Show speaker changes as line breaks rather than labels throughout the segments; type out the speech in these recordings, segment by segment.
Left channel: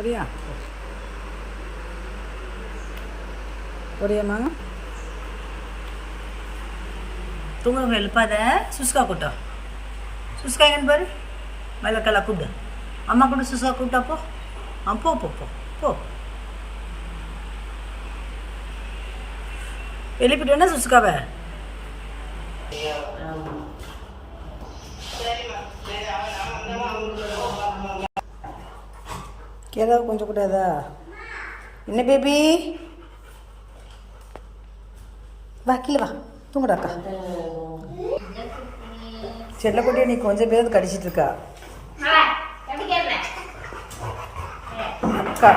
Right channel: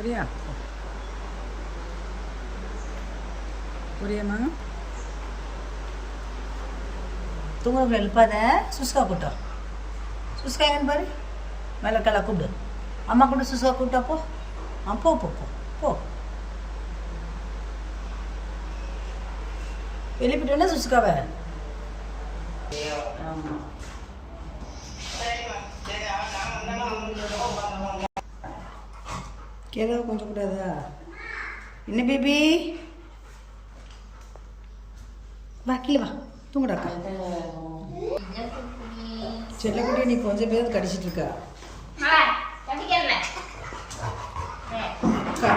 போறியா போறியாம்மா தூங்குறவங்க எழுப்பாத. சுஸ்கா கூட்டம் சுஸ்கா எங்கன்னு பாரு. மேலக்கெல்லாம் கூப்பிடு. அம்மா கூட சுஸ்கா கூப்பிட்டா போ. ஆ போ போ போ போ. எழுப்பிட்டு வேணா சுஸ்காவை. கேதாவை கொஞ்சம் கூடாதா என்ன பேபி? வா கீழே வா. தூங்குடா அக்கா. செல்லக்குட்டியை நீ கொஞ்சம் பேர் கடிச்சிட்டு இருக்கா? அக்கா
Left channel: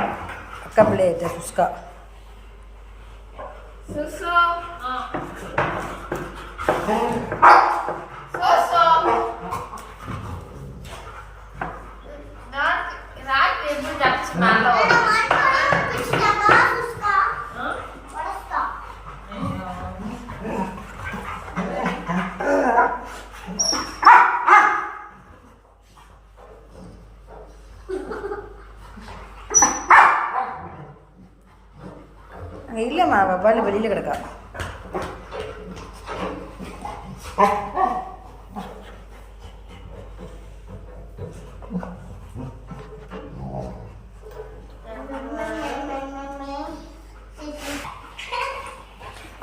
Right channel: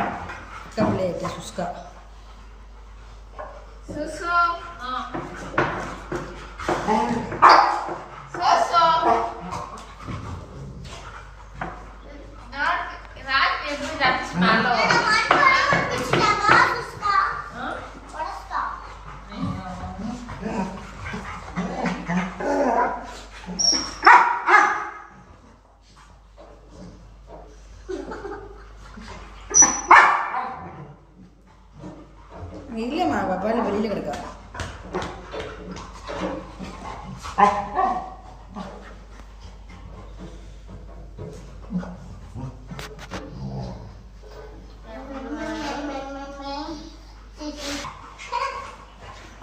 அக்கா பிள்ளையிட்ட சுஸ்கா.
Ibu dapat
இல்லைம்மா வவ்வால் வெளியில் கிடக்கா.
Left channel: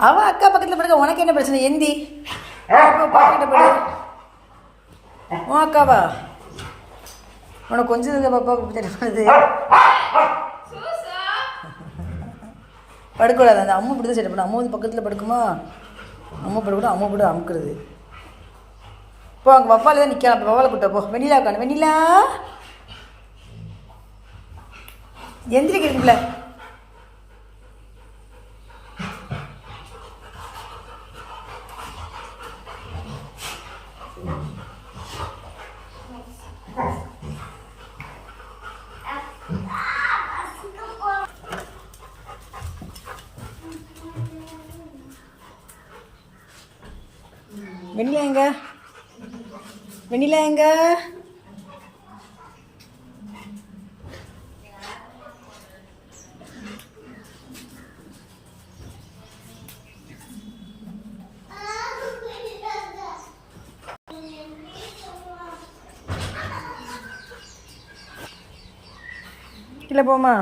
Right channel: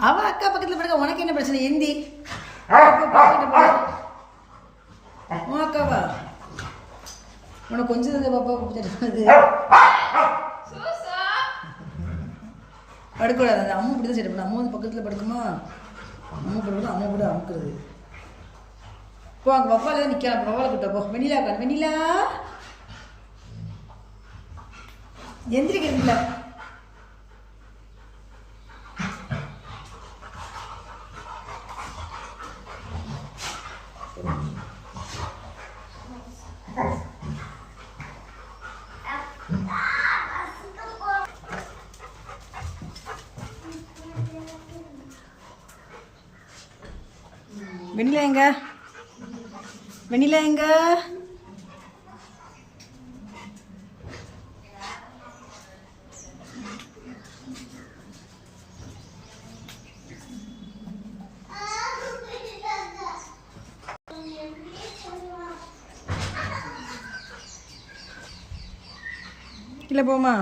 அவ அக்கா பக்கத்தில் படுக்க உனக்கு என்ன பிரச்சனை? எந்தி? உன் அக்காவா? உனக்கு கொஞ்சம் இருக்க பாப்பா தெரியுது. படுக்கூடாது அந்த அம்மா இப்படி தான் செட் பண்ண அம்மா வந்து பக்கத்தில் படுக்குமா? அம்மா படுக்கூடாது அம்மா போட்டு அமுக்குறது. போ அங்கே வவ்வால தான் நிற்கலாம் வவ்வால கூட்ட போ. வெண்ணிலா காணும் வெண்ணிலா? எந்திரிக்கிறீங்களா? வெண்ணிலா எங்க? வெண்ணிலா எங்க? இல்லை போமா